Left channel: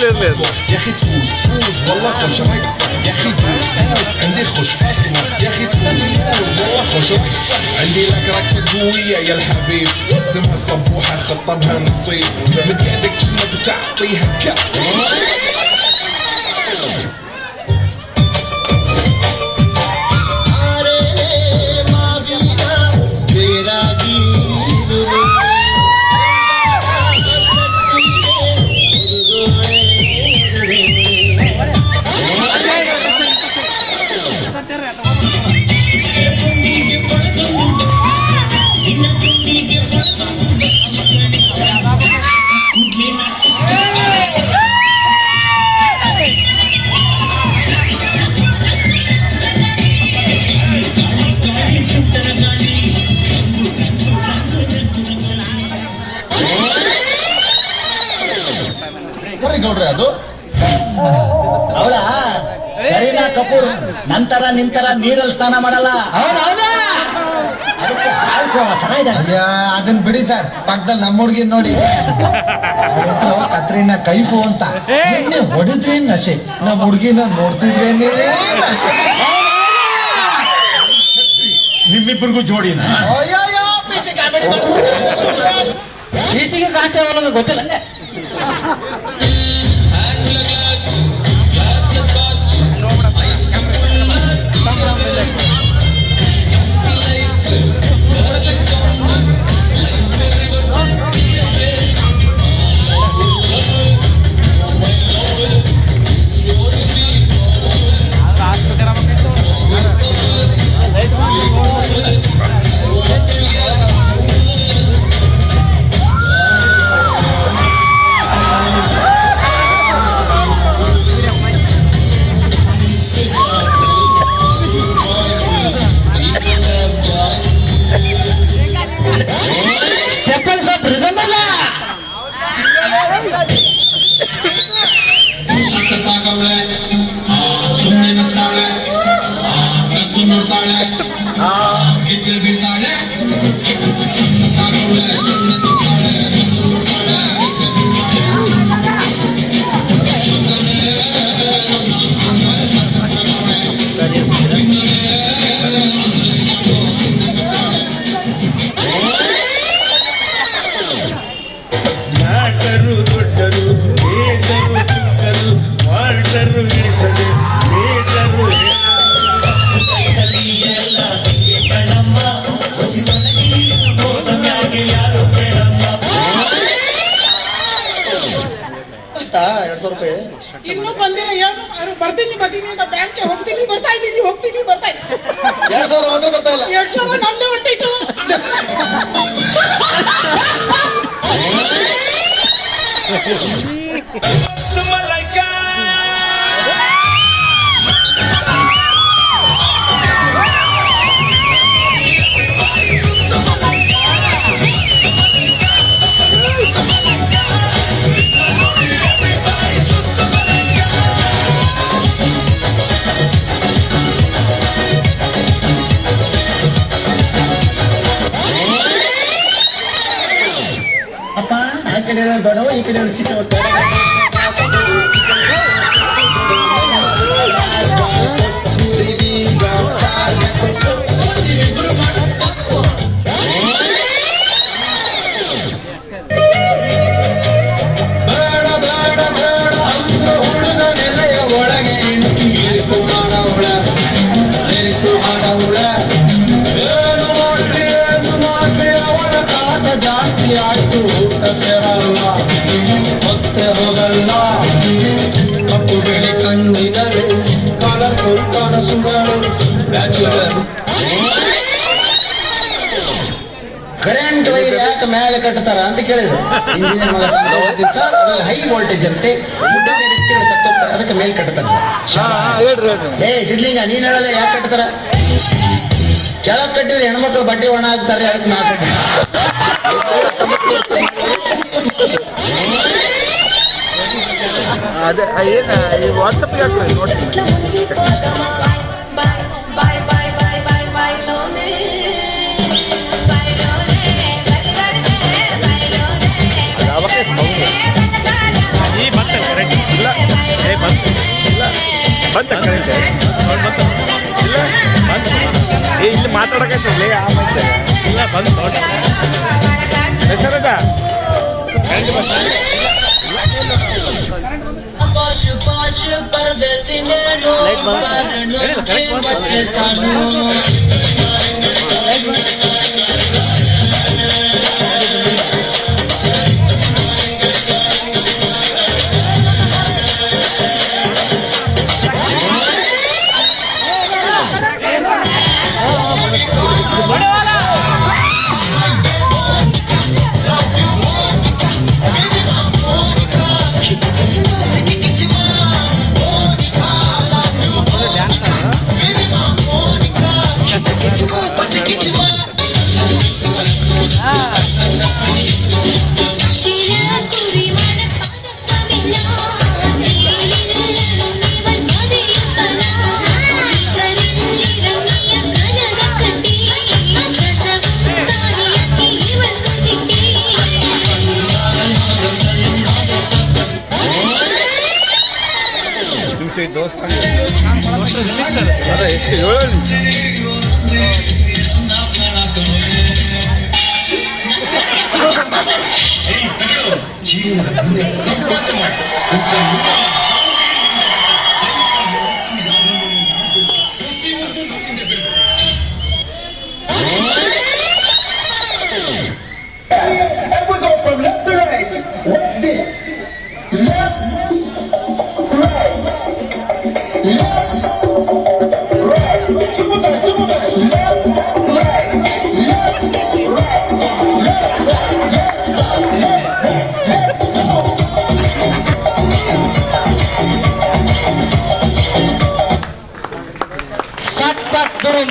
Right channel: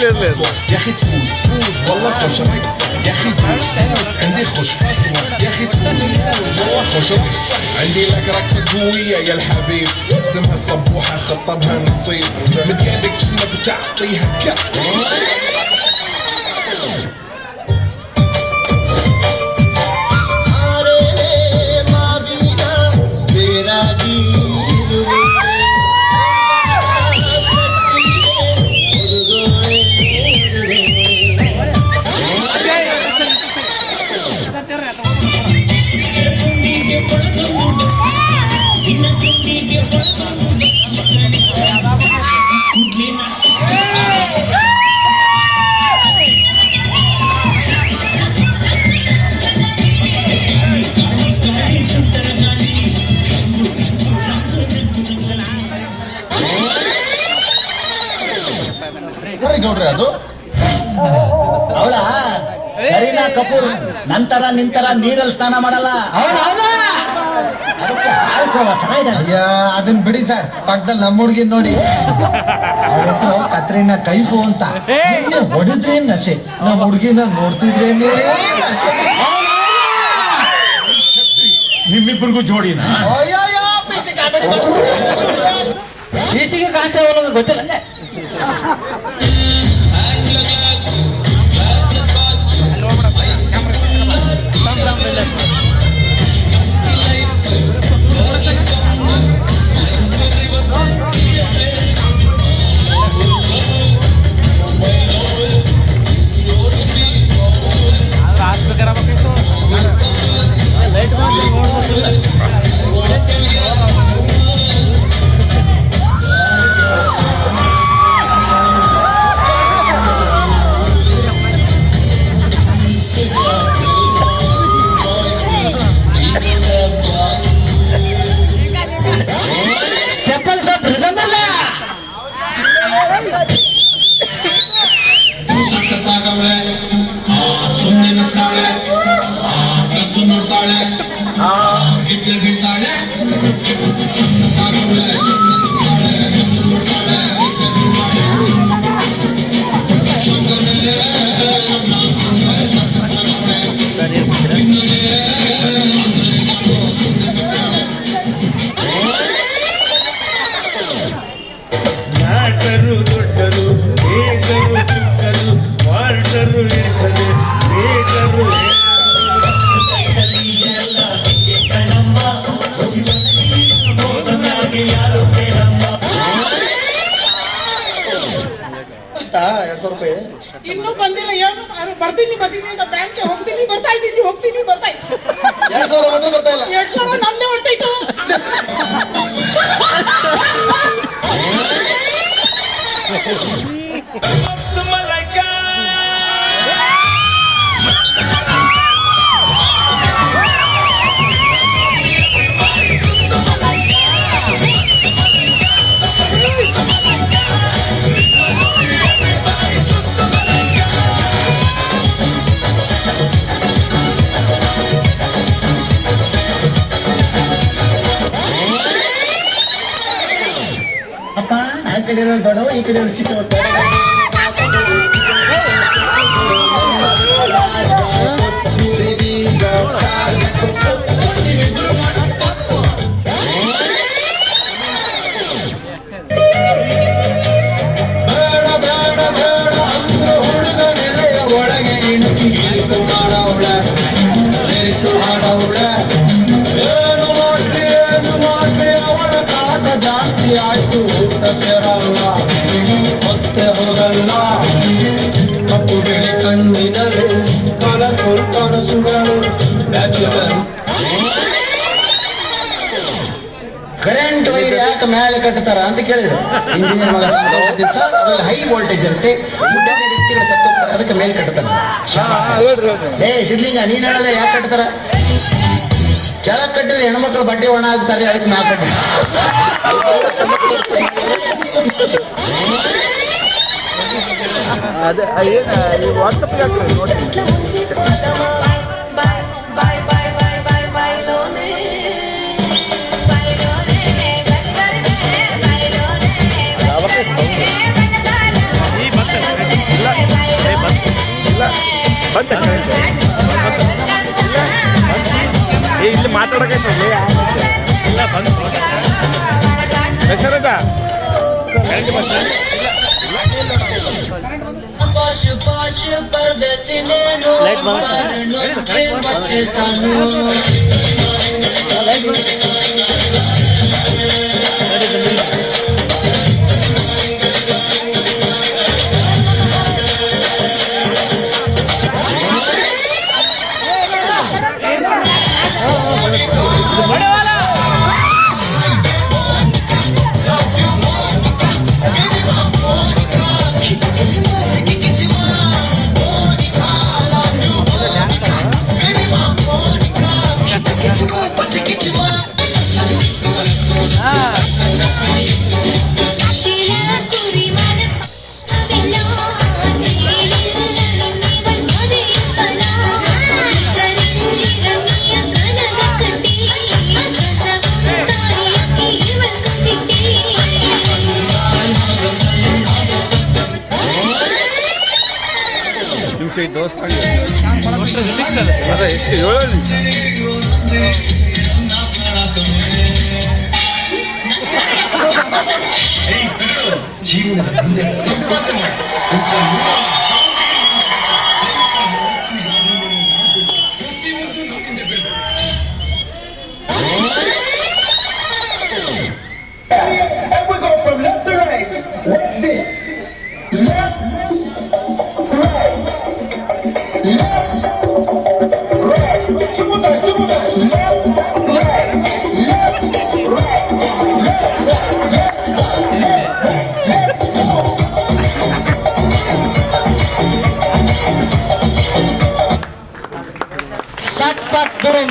يا اخي تفوز والله خوش رقصة يا اخي تفوز عندي خوش فاصلة يا اخي تفوز والله خوش رقصة عندي لك رقصة قوية يا الحبيب اسمها صبوحة خطبها نصيب من يدك كنا بتعطيها كف ಗೌಡ್ರೆ ಅದು ಅವಳ ಕರೀನಾ ಕಪೂರ್ ನಂತರ ನಿಂತರ ನೀರಲ್ಲಿ ಸ್ನಾನ ಮಾಡಲ್ಲ ಅದಕ್ಕೆ ಅದನ್ನ ಬಿಡಿ ಸರ್ ಪಕ್ಕದಲ್ಲಿ ನಮ್ಮ ಹುಡುಗಿ ನೋಡಿ ಹೆಸರು ಕತ್ರಿನಾ ಕೈಫು ಅಂತ ಹೊಡಿದ್ರಿ ನಶೆ ನಮ್ಮ ಹುಡುಗಿನ ನೋಡ್ತಿದ್ರೇನೆ ನಿಮ್ಮಿಬ್ಬರಿಗೂ ಜೋಡಿನ ಬೀಸಿಗೆ ಕಾಚ ಗೊತ್ತಿಲ್ಲ ಇನ್ನು ಬಂದಿಲ್ಲ ಬರ್ತೀನಿ ಬ್ಯಾಂಕ್ಗೆ ಹೋಗ್ತೀನಿ ಬರ್ತಾ ಇದ್ದೀನಿ 2000 ಬರ್ತಾ ಇಲ್ಲ 2000 ನಮ್ದೇ ಹೊಂಟೈತು ಅಪ್ಪ ಆ ಕಡೆ ಬೇಡ ಈ ಕಡೆ ಚಿಕ್ಕ ಮತ್ತೆ ಹೋಗಲ್ಲ ಕಪ್ಪು ಬೆಳಿ ಕಣ್ಣಿನರು ಕಲರ್ಫುಲ್ ಕನಸುಗಳು ಕರೆಂಟ್ ವೈರ್ ಯಾಕೆ ಮೇಲೆ ಕಟ್ಟತಾರ ಅಂತ ಕೇಳಿದ್ರು ಇಂಜಿನಿಯರ್ ಮಗ ಸರ್ ಅದ್ರಲ್ಲಿ ಹೈ ವೋಲ್ಟೇಜ್ ಇರುತ್ತೆ ವ್ಯಕ್ತಿಗಳು ಸತ್ತೋಗ್ತಾರೆ ಅದಕ್ಕೆ ಮೇಲೆ ಕಟ್ಟತಾರೆ ಏ ಸಿದ್ಲಿಂಗ ನೀನ್ ಹೇಳಲ್ಲ ಯಾಕೆ ಕಟ್ಟತಾರ ಕೆಳಗೆ ಕಟ್ಟಿದ್ರೆ ಹೆಣ್ಮಕ್ಳು ಬಟ್ಟೆ ಒಣ ಆಗ್ತಾರೆ ಅದಕ್ಕೆ ಮ್ಯಾಲ ಅದೇ ಏನು ಈ ವಾಟ್ಸಪ್ಗೆ ಹಾಕ್ರಿ ನೋಡ್ತೀನಿ ಅದು ಅವಕ್ಕೆ ಸೌಂಡ್ ಈ ಮತ್ತೆ ಬಂತ ಕರೆಂಟ್ ಇಲ್ಲ ಏ ಇಲ್ಲಿ ಮಾತಾಡಕೈತಲ್ಲಿ ಆ ಮತ್ತೆ ಇಲ್ಲ ಬಂತು ಹೆಸರದ पाश पाश परदेसी नैनो करनो के बच्चे सानू ನಿಮಿಷ ದೋಸೆ ಅದ ಎಷ್ಟು 7 ನಿಮಿಷ And we go from left to right. What's this? Left, right. Left, right. Super time, super time. Left, right. Left, right. ಸಪ್ಪತ್ ದುರಂ